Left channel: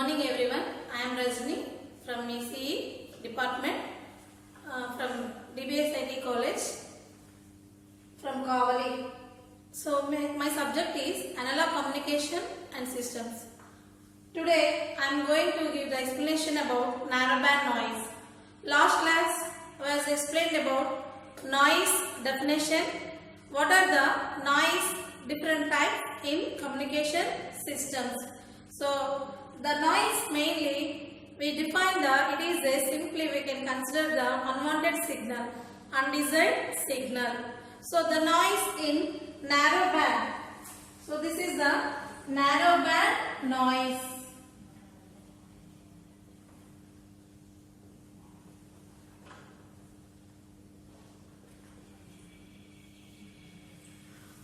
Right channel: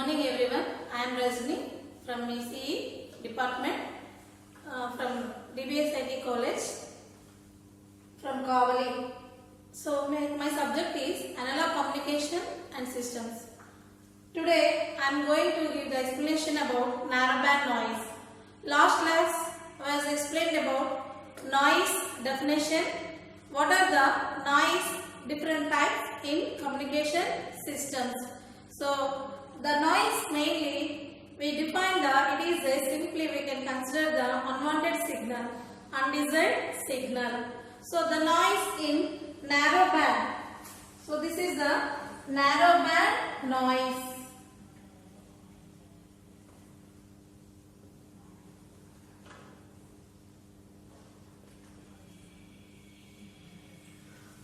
morning everyone. I am Rajni from ECE department from DBS IT College from Kavali. So my subject is Analog Communication and Systems. Today I am going to give the explanation about narrowband noise. Last class was explained about noise definition. What are the noise different types in communication systems? So the noise mainly we define that it is a simply we can consider the unwanted signal, undesired signal. So the noise in narrow band. So this is the narrow band noise.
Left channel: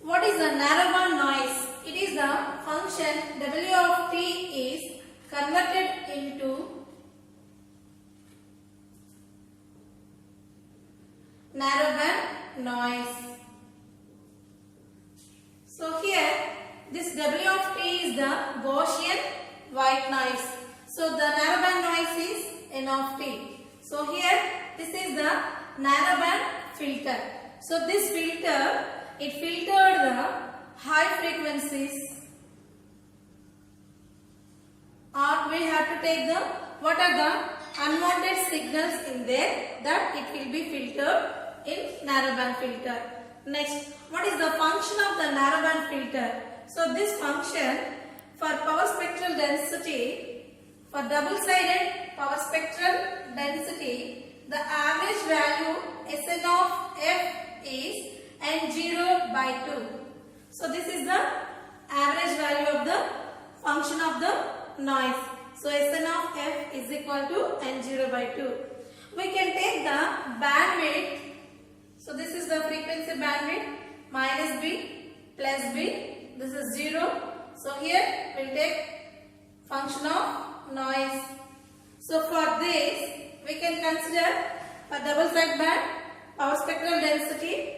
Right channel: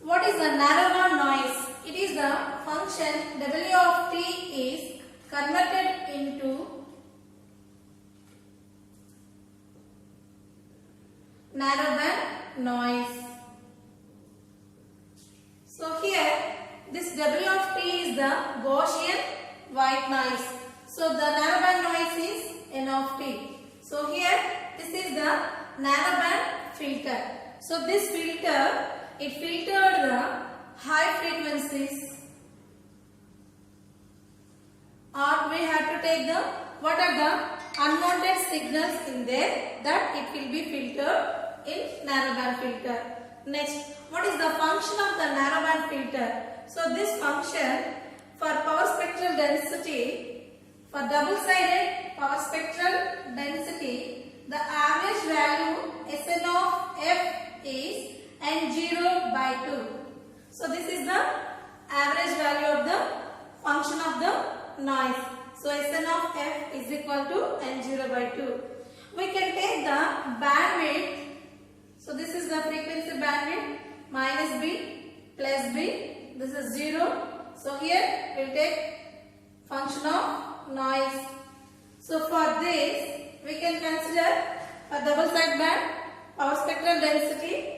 What is the narrowband noise? It is the function W of t is converted into narrowband noise. So here this W of t is the Gaussian white noise. So the narrowband noise is N of t. So here this is the narrowband filter. So this filter it filtered the high frequencies, or we have to take the what are the unwanted signals in there, that it will be filtered in narrowband filter. Next, what is the function of the narrowband filter? So this function for power spectral density, for double-sided power spectral density, the average value Sn of f is N0 by 2. So this is the average value of the function of the noise. So Sn of f is equal to N0 by 2. We can take the bandwidth. So this is the frequency bandwidth minus b plus b. This is 0. So here we will take function of noise. So for this we can consider for double side band power spectral density,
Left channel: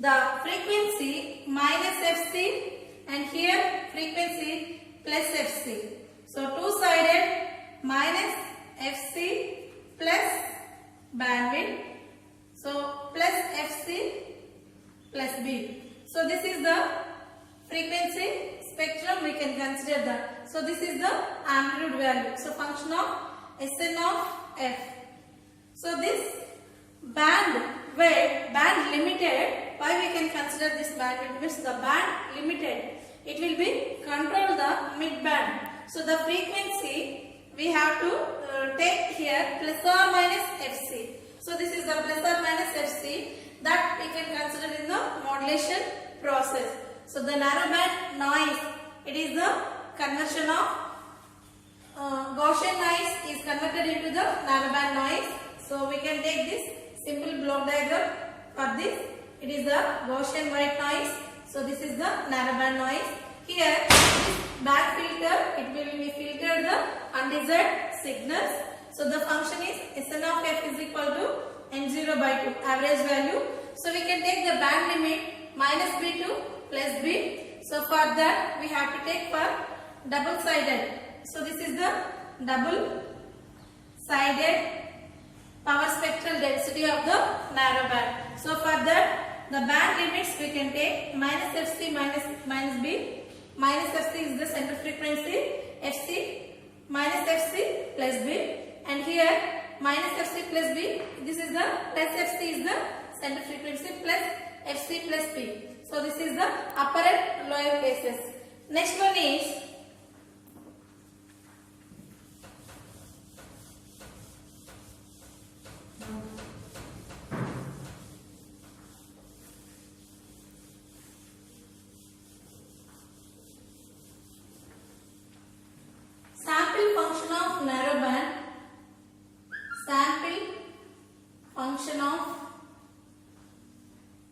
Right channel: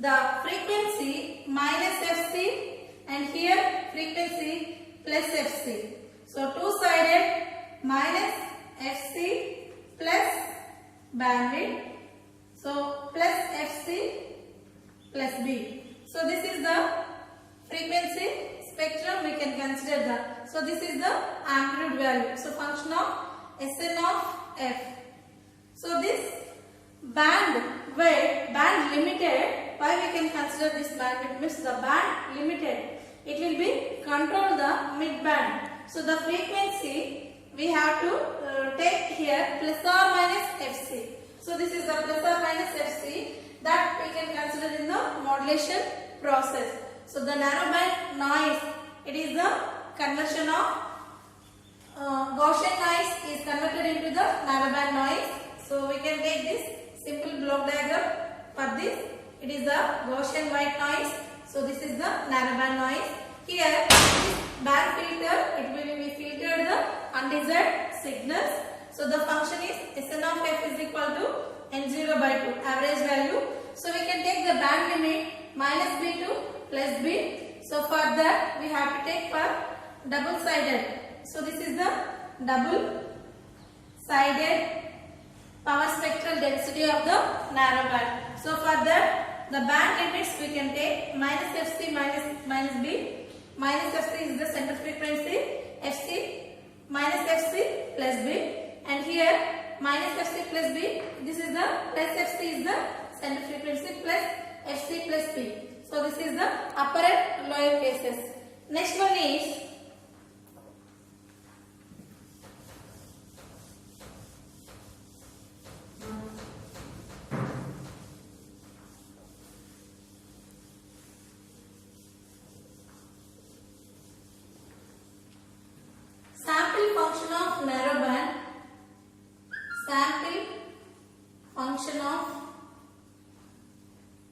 the frequency minus Fc and here frequency plus Fc. So two-sided minus Fc plus bandwidth. So plus Fc plus B. So this is the frequency spectrum we can consider that. So this is the amplitude value. So function of Sn of f. So this bandwidth, band limited. Why we can consider this bandwidth? Means the band limited. It will be control the mid band. So the frequency we have to take here plus or minus Fc. So this is the plus or minus Fc that we can consider in the modulation process. So the narrowband noise, it is the conversion of Gaussian noise is converted into the narrowband noise. So we can take this simple block diagram for this. It is the Gaussian white noise. So this is the narrowband noise. Here this band filter, it will be filtered the undesired signals. So the function is Sn of f is equal to N0 by 2 average value. So we can take the band limit minus b to plus b. So for that we have to take for double sided. So this is the double sided power spectral density of the narrowband. So for that the band limits we can take minus Fc minus b. Minus Fc is the center frequency, Fc minus Fc plus b, and here minus Fc plus b. This is the plus Fc is the center frequency plus Fc plus b. So this is the upper and lower cases. Next one is sample function of narrowband. Sample function of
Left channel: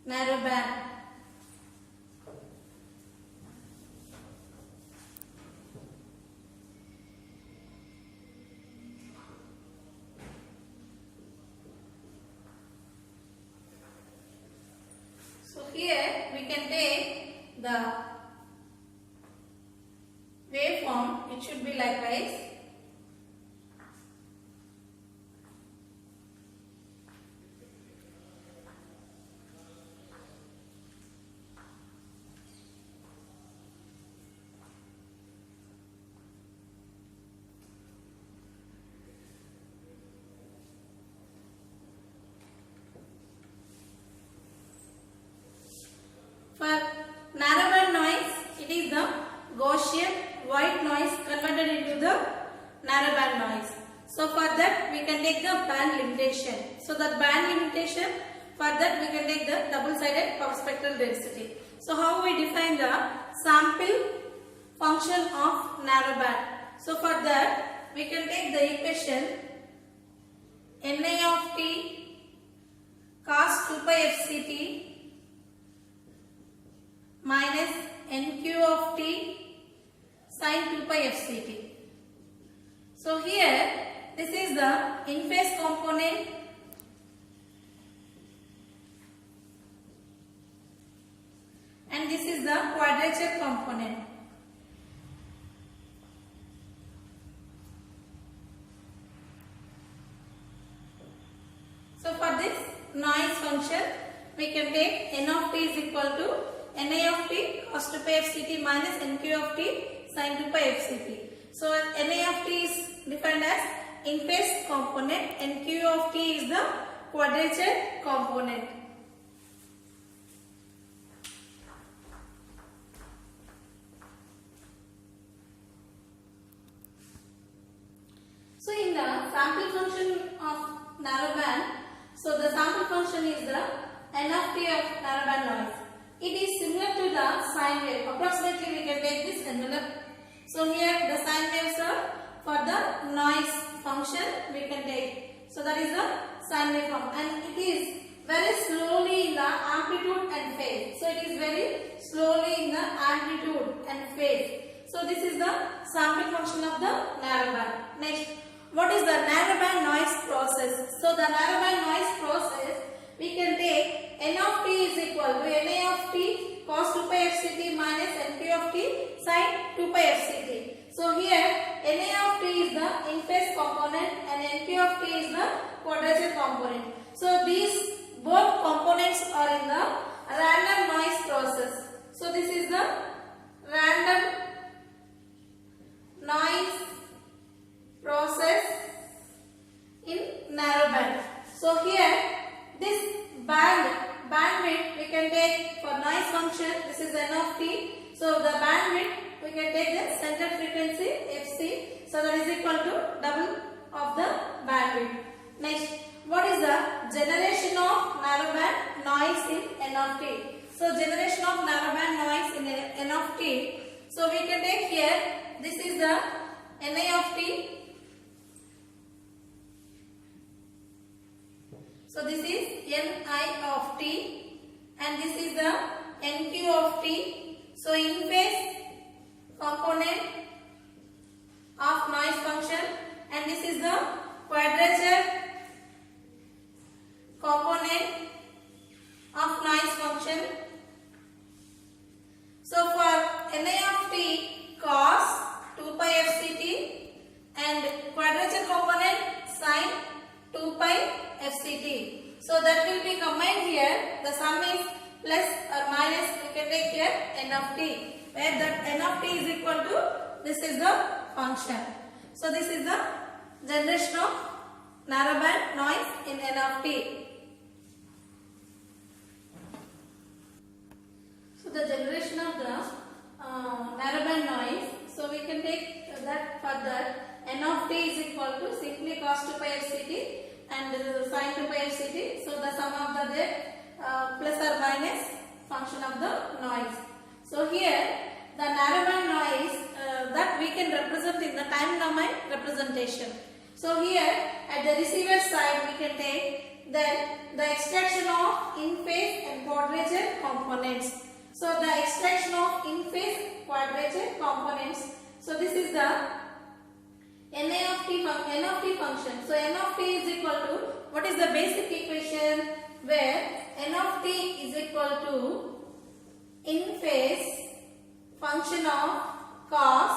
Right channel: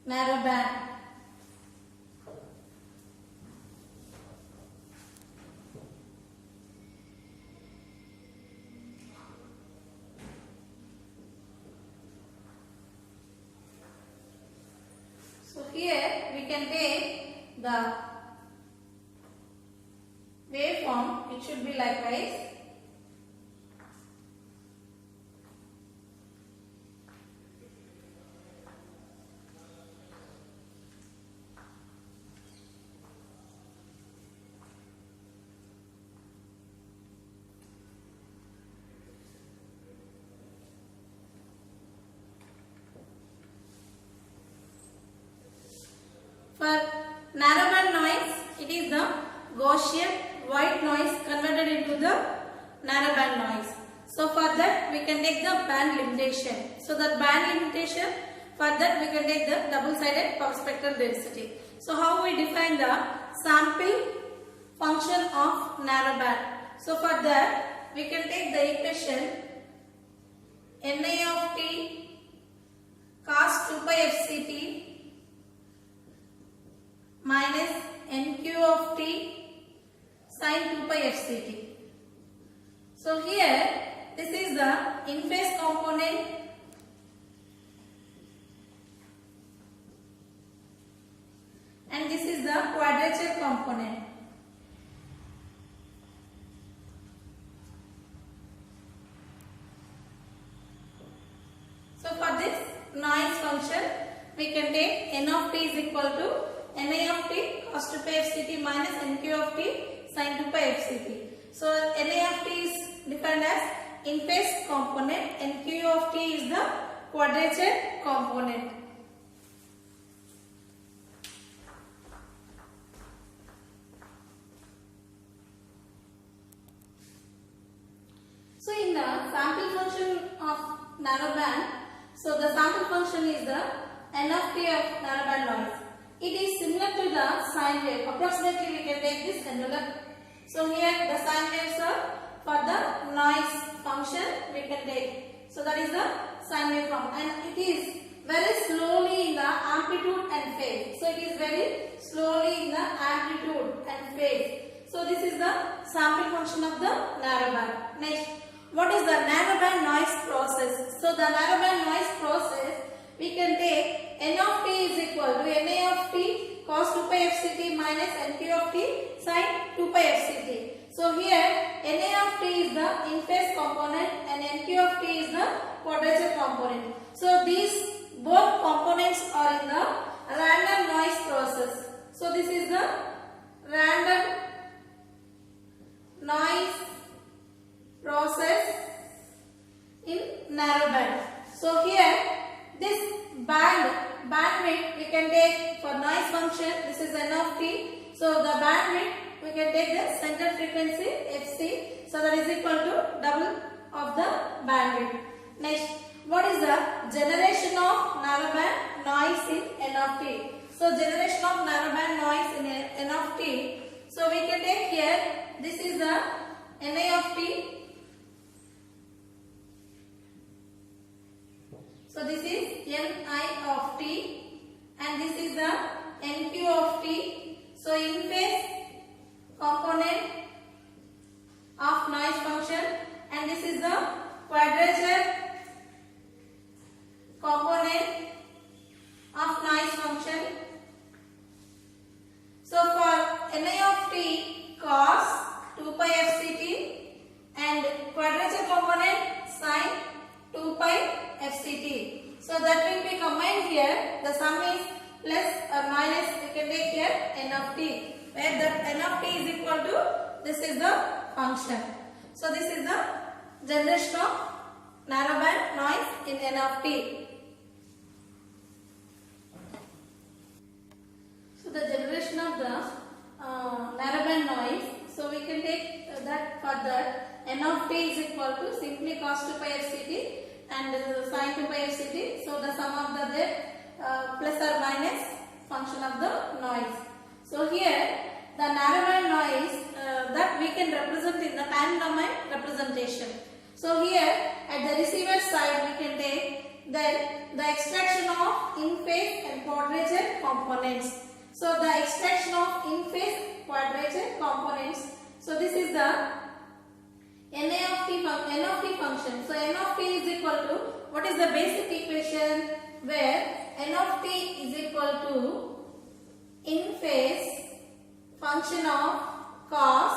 narrowband. So here we can take the waveform. It should be like this. For narrowband noise, it is the Gaussian white noise converted into the narrowband noise. So for that we can take the band limitation. So the band limitation, for that we can take the double-sided power spectral density. So how we define the sample function of narrowband? So for that we can take the equation Ni of t cos 2 pi fct minus Nq of t sin 2 pi fct. So here this is the in phase component and this is the quadrature component. So for this noise function we can take n of t is equal to Ni of t cos 2 pi fct minus Nq of t sin 2 pi fct. So Ni of t is defined as in phase component and Q of t is the quadrature component. So in the sample function of narrowband, so the sample function is the n of t of narrowband noise. It is similar to the sine wave. Approximately we can take this angular. So here the sine waves are for the noise function we can take. So that is the sine wave form and it is very slowly in the amplitude and phase. So it is very slowly in the amplitude and phase. So this is the sample function of the narrowband. Next, what is the narrowband noise process? So the narrowband noise process we can take n of t is equal to Ni of t cos 2 pi fct minus Nq of t sin 2 pi fct. So here Ni of t is the in phase component and Nq of t is the quadrature component. So these both components are in the random noise process. So this is the random noise process in narrowband. So here this bandwidth we can take for noise function, this is n of t. So the bandwidth we can take the center frequency fc, so that is equal to double of the bandwidth. Next, what is the generation of narrowband noise in n of t? So generation of narrowband noise in n of t. So we can take here, this is the Ni of t. So this is Ni of t and this is the Nq of t. So in phase component of noise function and this is the quadrature component of noise function. So for Ni of t cos 2 pi fct and quadrature component sin 2 pi fct. So that will be combined here. The sum is plus or minus, we can take here n of t, where that n of t is equal to, this is the function. So this is the generation of narrowband noise in n of t. So the generation of the narrowband noise, so we can take that for that n of t is equal to simply cos 2 pi fct and sin 2 pi fct. So the sum of the plus or minus function of the noise. So here the narrowband noise that we can represent in the time domain representation. So here at the receiver side we can take then the extraction of in phase and quadrature components. So the extraction of in phase quadrature components. So this is the n of t function. So n of t is equal to, what is the basic equation where n of t is equal to in phase function of cos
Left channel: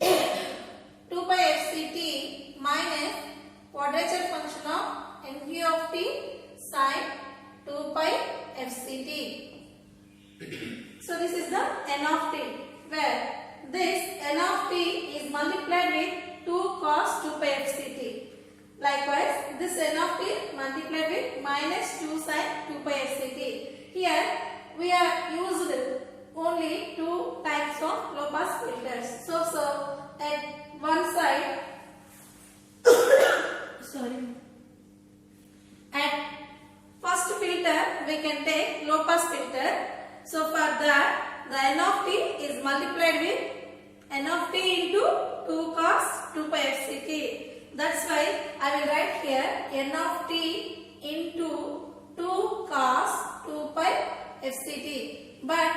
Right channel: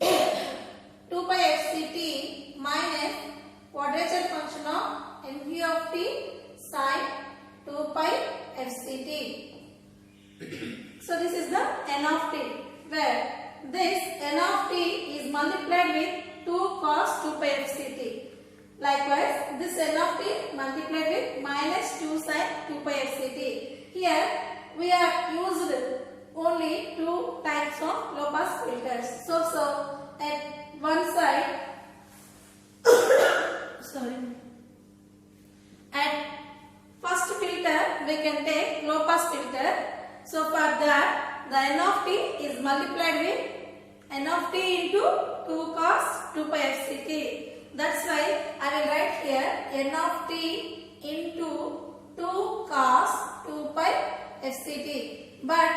2 pi fct minus quadrature function of Nq of t sin 2 pi fct. So this is the n of t, where this n of t is multiplied with 2 cos 2 pi fct. Likewise, this n of t multiplied with minus 2 sin 2 pi fct. Here we are used only two types of low pass filters. So at one side, sorry, at first filter we can take low pass filter. So for that, the n of t is multiplied with n of t into 2 cos 2 pi fct. That's why I will write here n of t into 2 cos 2 pi fct. But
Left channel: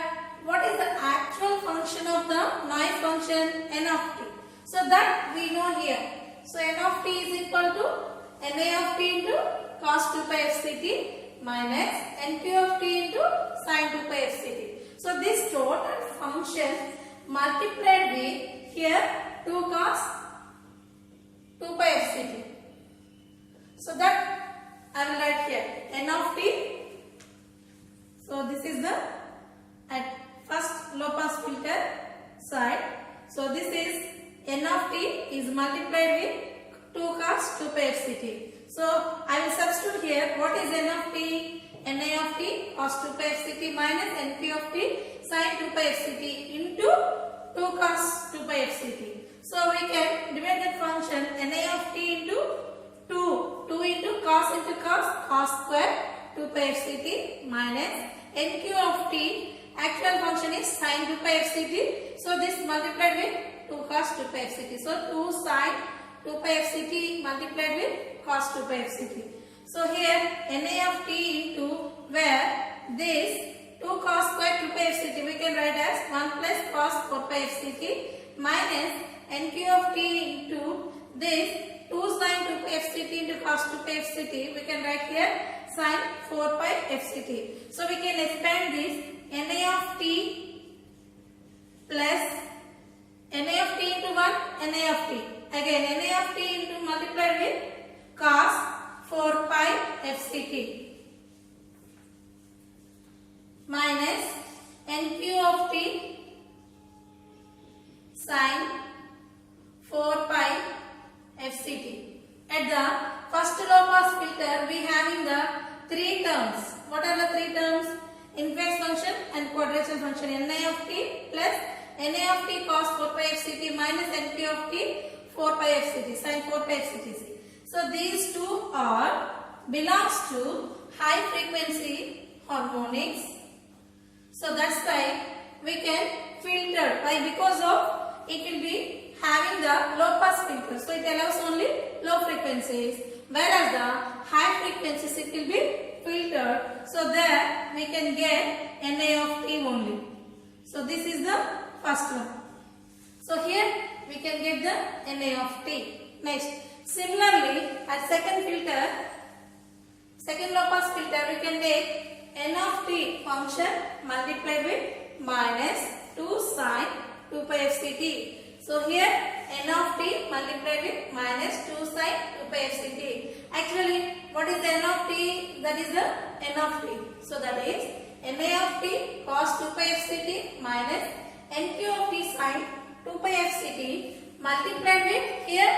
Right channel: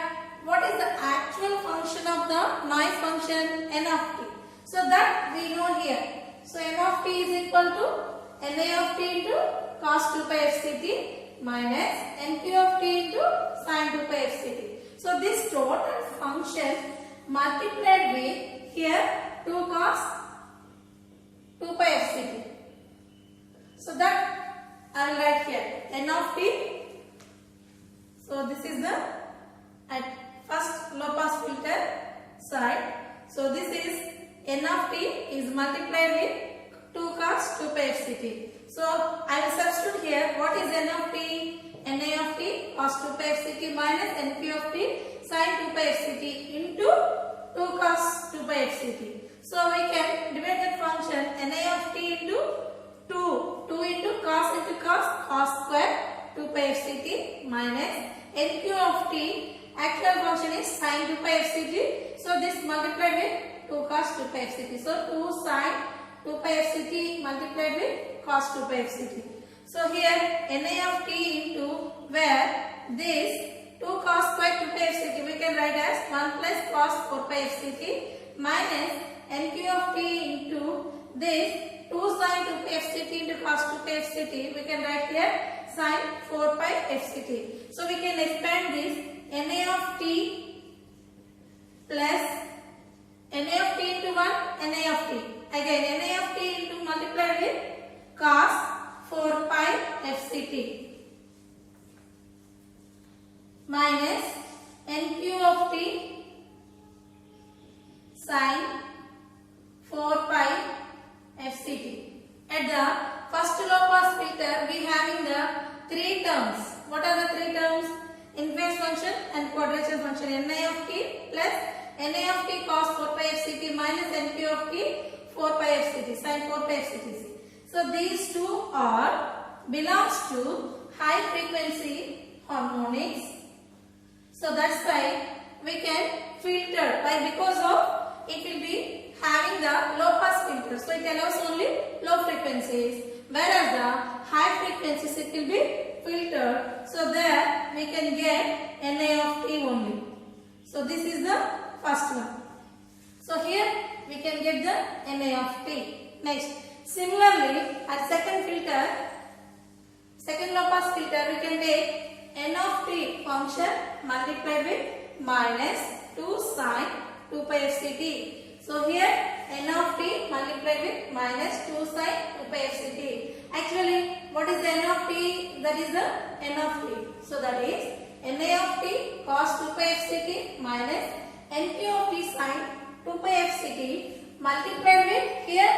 what is the actual function of the noise function n of t? So that we know here. So n of t is equal to na of t into cos 2 pi fct minus nq of t into sin 2 pi fct. So this total function multiplied with here 2 cos 2 pi fct. So that I will write here n of t. So this is the at first low pass filter side. So this is n of t is multiplied with 2 cos 2 pi fct. So I will substitute here what is n of t? Na of t cos 2 pi fct minus nq of t sin 2 pi fct into 2 cos 2 pi fct. So we can divide that function na of t into 2 into cos square 2 pi fct minus nq of t, actual function is sin 2 pi fct. So this multiplied with 2 cos 2 pi fct. So 2 sin 2 pi fct multiplied with cos 2 pi fct. So here na of t into where this 2 cos square 2 pi fct we can write as 1 plus cos 4 pi fct minus nq of t into this 2 sin 2 pi fct into cos 2 pi fct we can write here sin 4 pi fct. So we can expand this na of t plus na of t into 1 na of t. Again na of t into multiplied with cos 4 pi fct minus nq of t sin 4 pi fct. At the first low pass filter we having the three terms. What are the three terms? Inverse function and quadrature function. Na of t plus na of t cos 4 pi fct minus nq of t 4 pi fct sin 4 pi fct. So these two are belongs to high frequency harmonics. So that's why we can filter because of it will be having the low pass filter. So it allows only low frequencies, whereas the high frequencies it will be filtered. So there we can get Na of t only. So this is the first one. So here we can get the Na of t. Next, similarly at second filter, second low pass filter we can take n of t function multiplied with minus 2 sin 2 pi fct. So here n of t multiplied with minus 2 sin 2 pi fct. Actually what is the n of t? That is the n of t. So that is na of t cos 2 pi fct minus nq of t sin 2 pi fct multiplied with here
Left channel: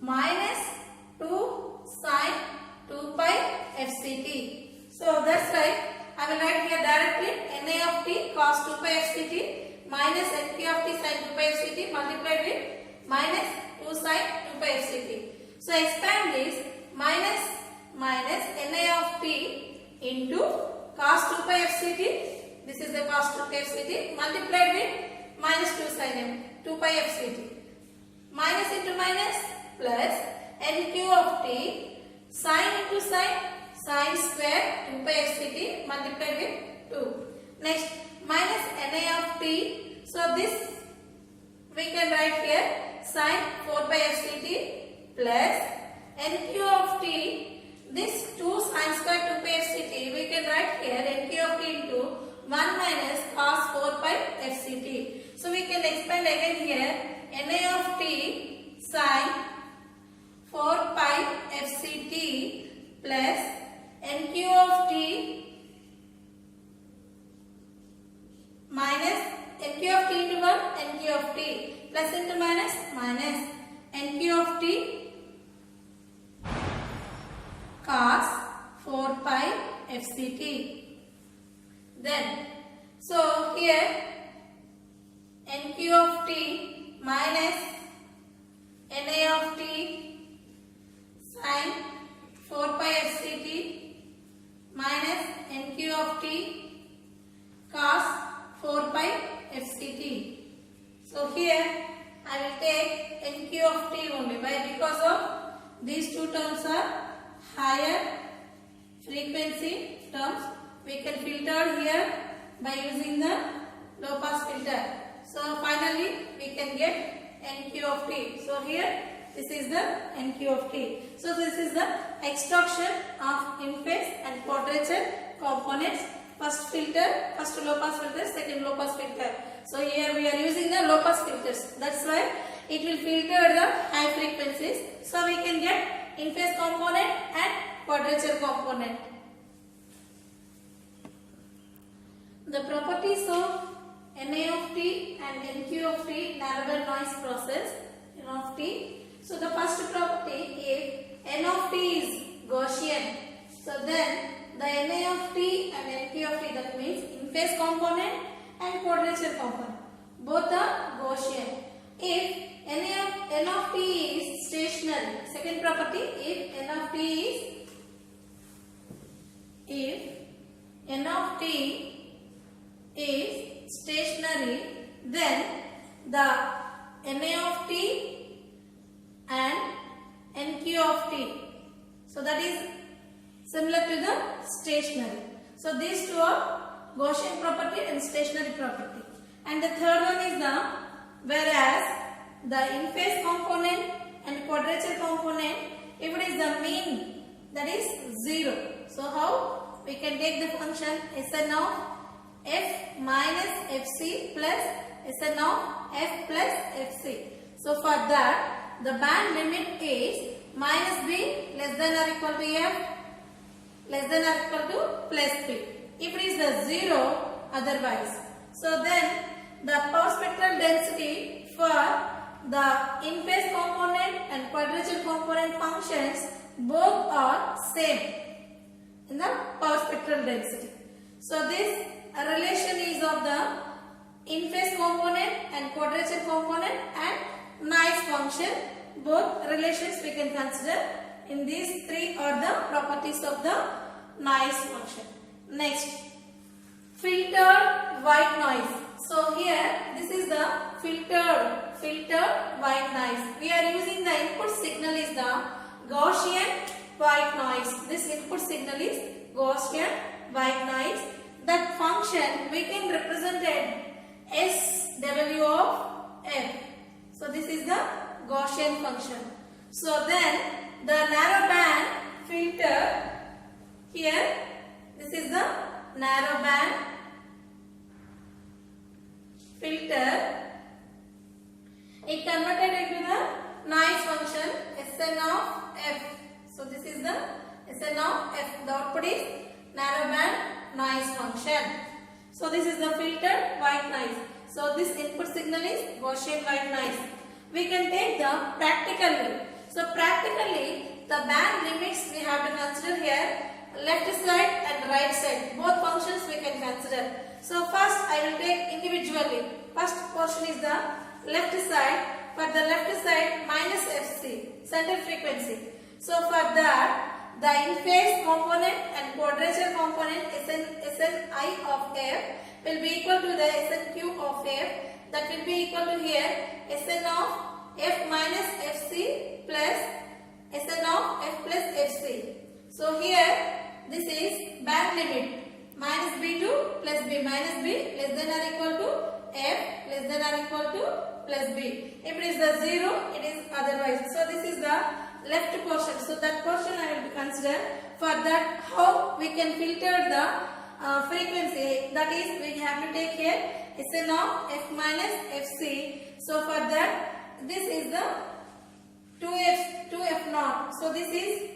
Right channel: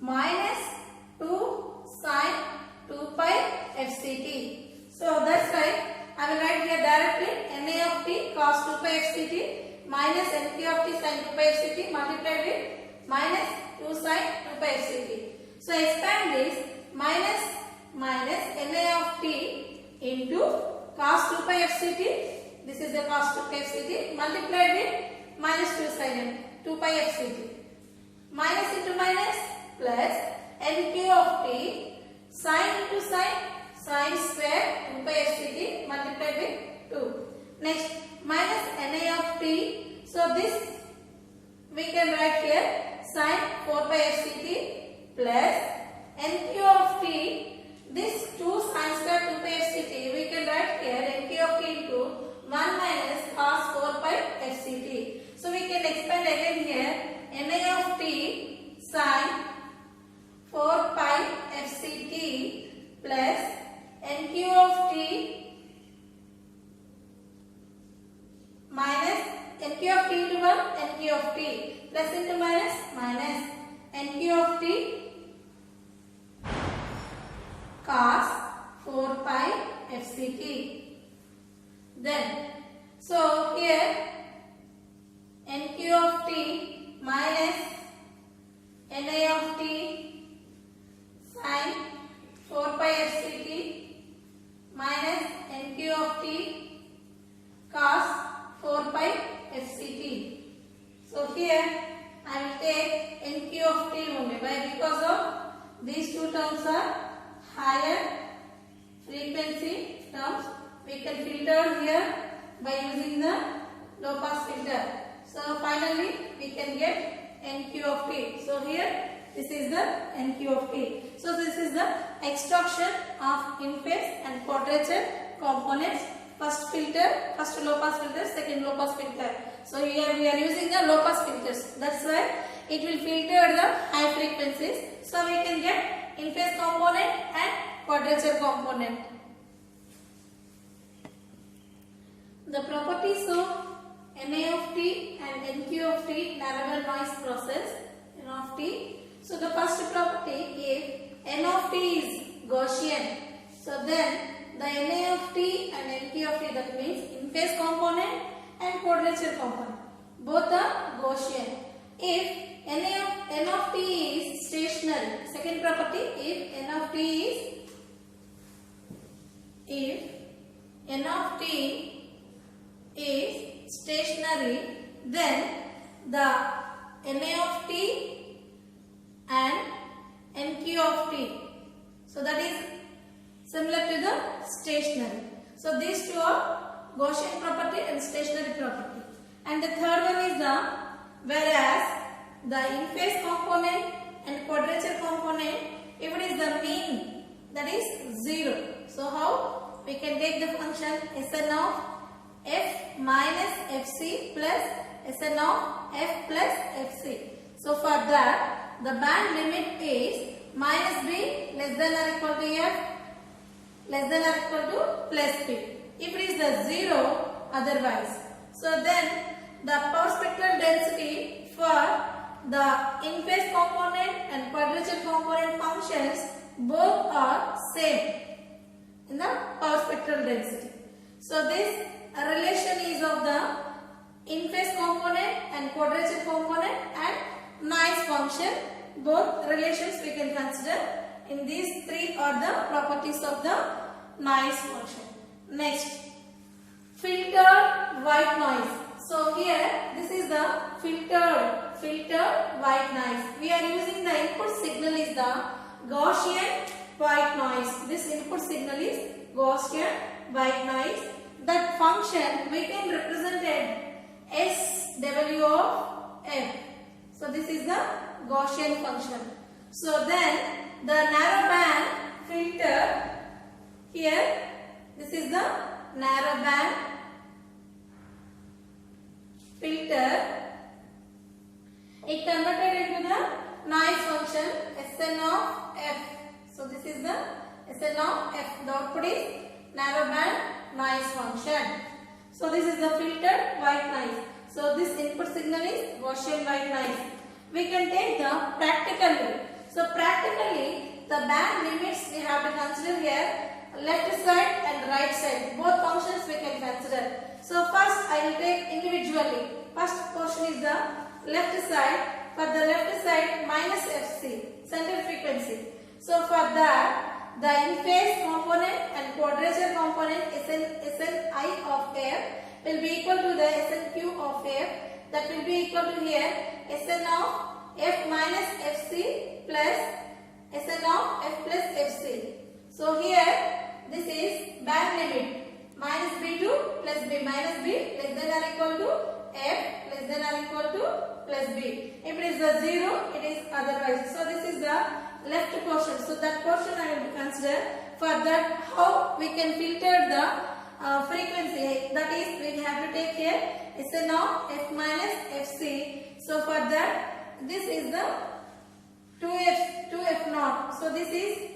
minus 2 sin 2 pi fct. So that's why I will write here directly na of t cos 2 pi fct minus nq of t sin 2 pi fct multiplied with minus 2 sin 2 pi fct. So expand this minus na of t into cos 2 pi fct. This is the cos 2 pi fct multiplied with minus 2 sin 2 pi fct. Minus into minus plus nq of t sin into sin square 2 pi fct multiplied with 2. Next minus na of t. So this we can write here sin 4 pi fct plus nq of t. This 2 sin square 2 pi fct we can write here nq of t into 1 minus cos 4 pi fct. So we can expand again here na of t sin 4 pi fct plus nq of t minus nq of t into 1 nq of t plus into minus minus nq of t cos 4 pi fct. Then, so here NQ of t minus Na of t sin 4 pi fct minus NQ of t cos 4 pi fct. So here I will take NQ of t only. Why? Because of these two terms are higher frequency terms. We can filter here by using the low pass filter. So finally we can get NQ of t. So here this is the NQ of t. So this is the extraction of in-phase and quadrature components. First filter, first low pass filter, second low pass filter. So here we are using the low pass filters. That's why it will filter the high frequencies. So we can get in-phase component and quadrature component. The properties of Na of t and NQ of t narrowband noise process N of t. So the first property, if N of t is Gaussian, so then the Na of t and NQ of t, that means in-phase component and quadrature component, both are Gaussian. If N of t is stationary, second property, if N of t is stationary, then the Na of t and NQ of t, so that is similar to the stationary. So these two are Gaussian property and stationary property. And the third one is the, whereas the in-phase component and quadrature component, if it is the mean, that is 0. So how we can take the function Sn of f minus fc plus Sn of f plus fc. So for that, the band limit is minus b less than or equal to f less than or equal to plus b. If it is the 0, otherwise. So then the power spectral density for the in-phase component and quadrature component functions both are same in the power spectral density. So this relation is of the in-phase component and quadrature component and noise function. Both relations we can consider. In these three are the properties of the noise function. Next, filtered white noise. So here this is the filtered white noise. We are using the input signal is the Gaussian white noise. This input signal is Gaussian white noise. That function we can represent it SW of f. So this is the Gaussian function. So then the narrow band filter, here this is the narrow band filter. It converted into the noise function Sn of f. So this is the Sn of f. The output is narrow band noise function. So this is the filtered white noise. So this input signal is Gaussian white noise. We can take the practically. So practically the band limits we have to consider here, left side and right side. Both functions we can consider. So first I will take individually. First portion is the left side. For the left side minus Fc, center frequency. So for that the in-phase component and quadrature component Sni of f will be equal to the Snq of f. That will be equal to here Sn of f minus Fc plus Sn of f plus Fc. So here this is band limit minus b to plus b, minus b less than or equal to f less than or equal to plus b. If it is the 0, it is otherwise. So this is the left portion. So that portion I will consider. For that, how we can filter the frequency, that is we have to take here Sn of f minus Fc. So for that, this is the 2f naught. So this is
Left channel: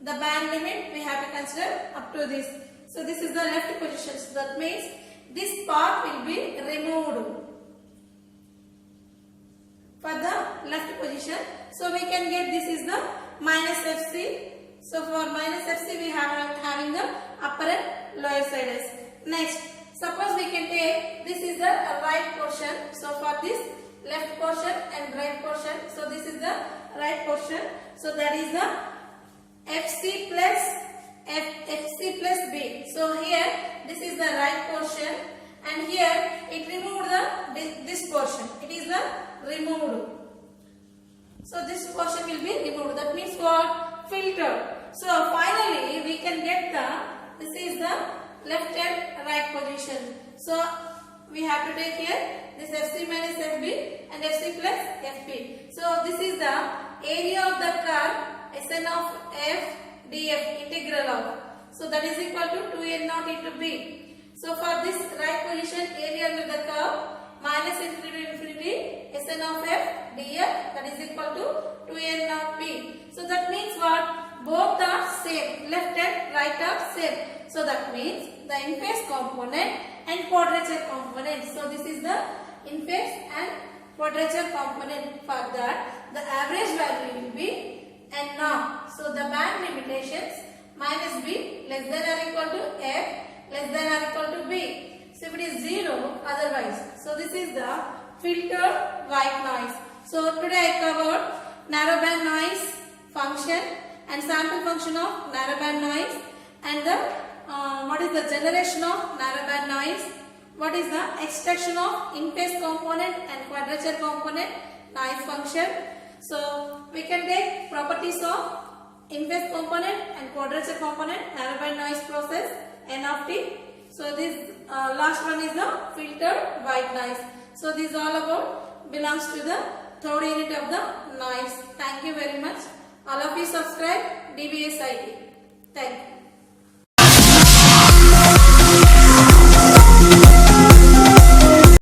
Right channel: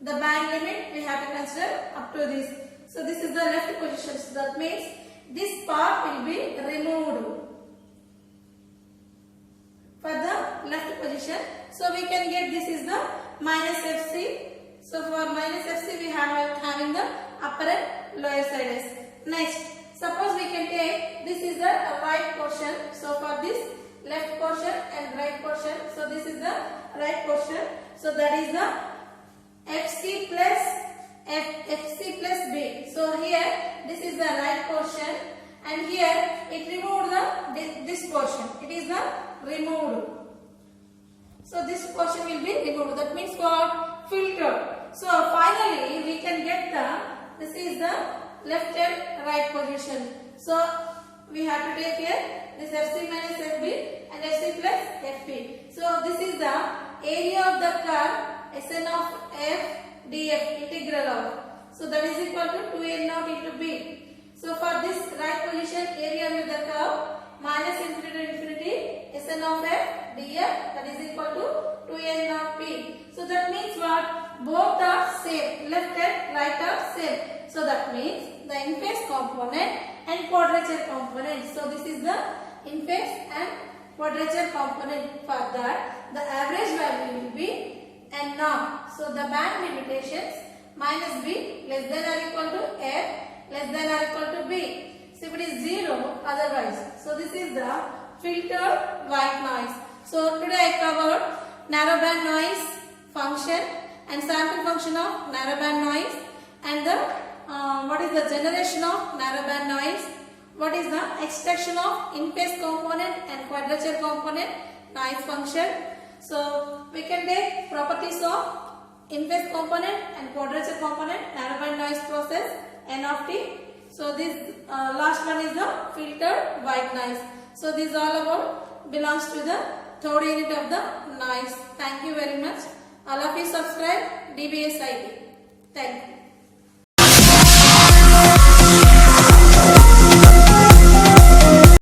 the band limit we have to consider up to this. So this is the left position. So that means this part will be removed for the left position. So we can get this is the minus Fc. So for minus Fc we have having the upper and lower sides. Next, suppose we can take this is the right portion. So for this left portion and right portion, so this is the right portion. So that is the FC plus FC plus B. So here this is the right portion, and here it removed this portion. It is the removed. So this portion will be removed. That means what? Filtered. So finally we can get this is the left and right position. So we have to take here this FC minus FB and FC plus FP. So this is the area of the curve Sn of f df integral of. So that is equal to 2n naught into b. So for this right position, area under the curve minus infinity to infinity Sn of f df, that is equal to 2n naught b. So that means what? Both are same, left and right are same. So that means the in-phase component and quadrature component. So this is the in-phase and quadrature component. For that, the average value will be n naught. So the band limitations minus b less than or equal to f less than or equal to b. So if it is 0, otherwise. So this is the filtered white noise. So today I covered narrowband noise function and sample function of narrowband noise, and the what is the generation of narrowband noise, what is the extraction of in-phase component and quadrature component noise function. So we can take properties of in-phase component and quadrature component narrowband noise process N of t. So this last one is the filtered white noise. So this all about belongs to the third unit of the noise. Thank you very much. All of you subscribe DBS ID. Thank you.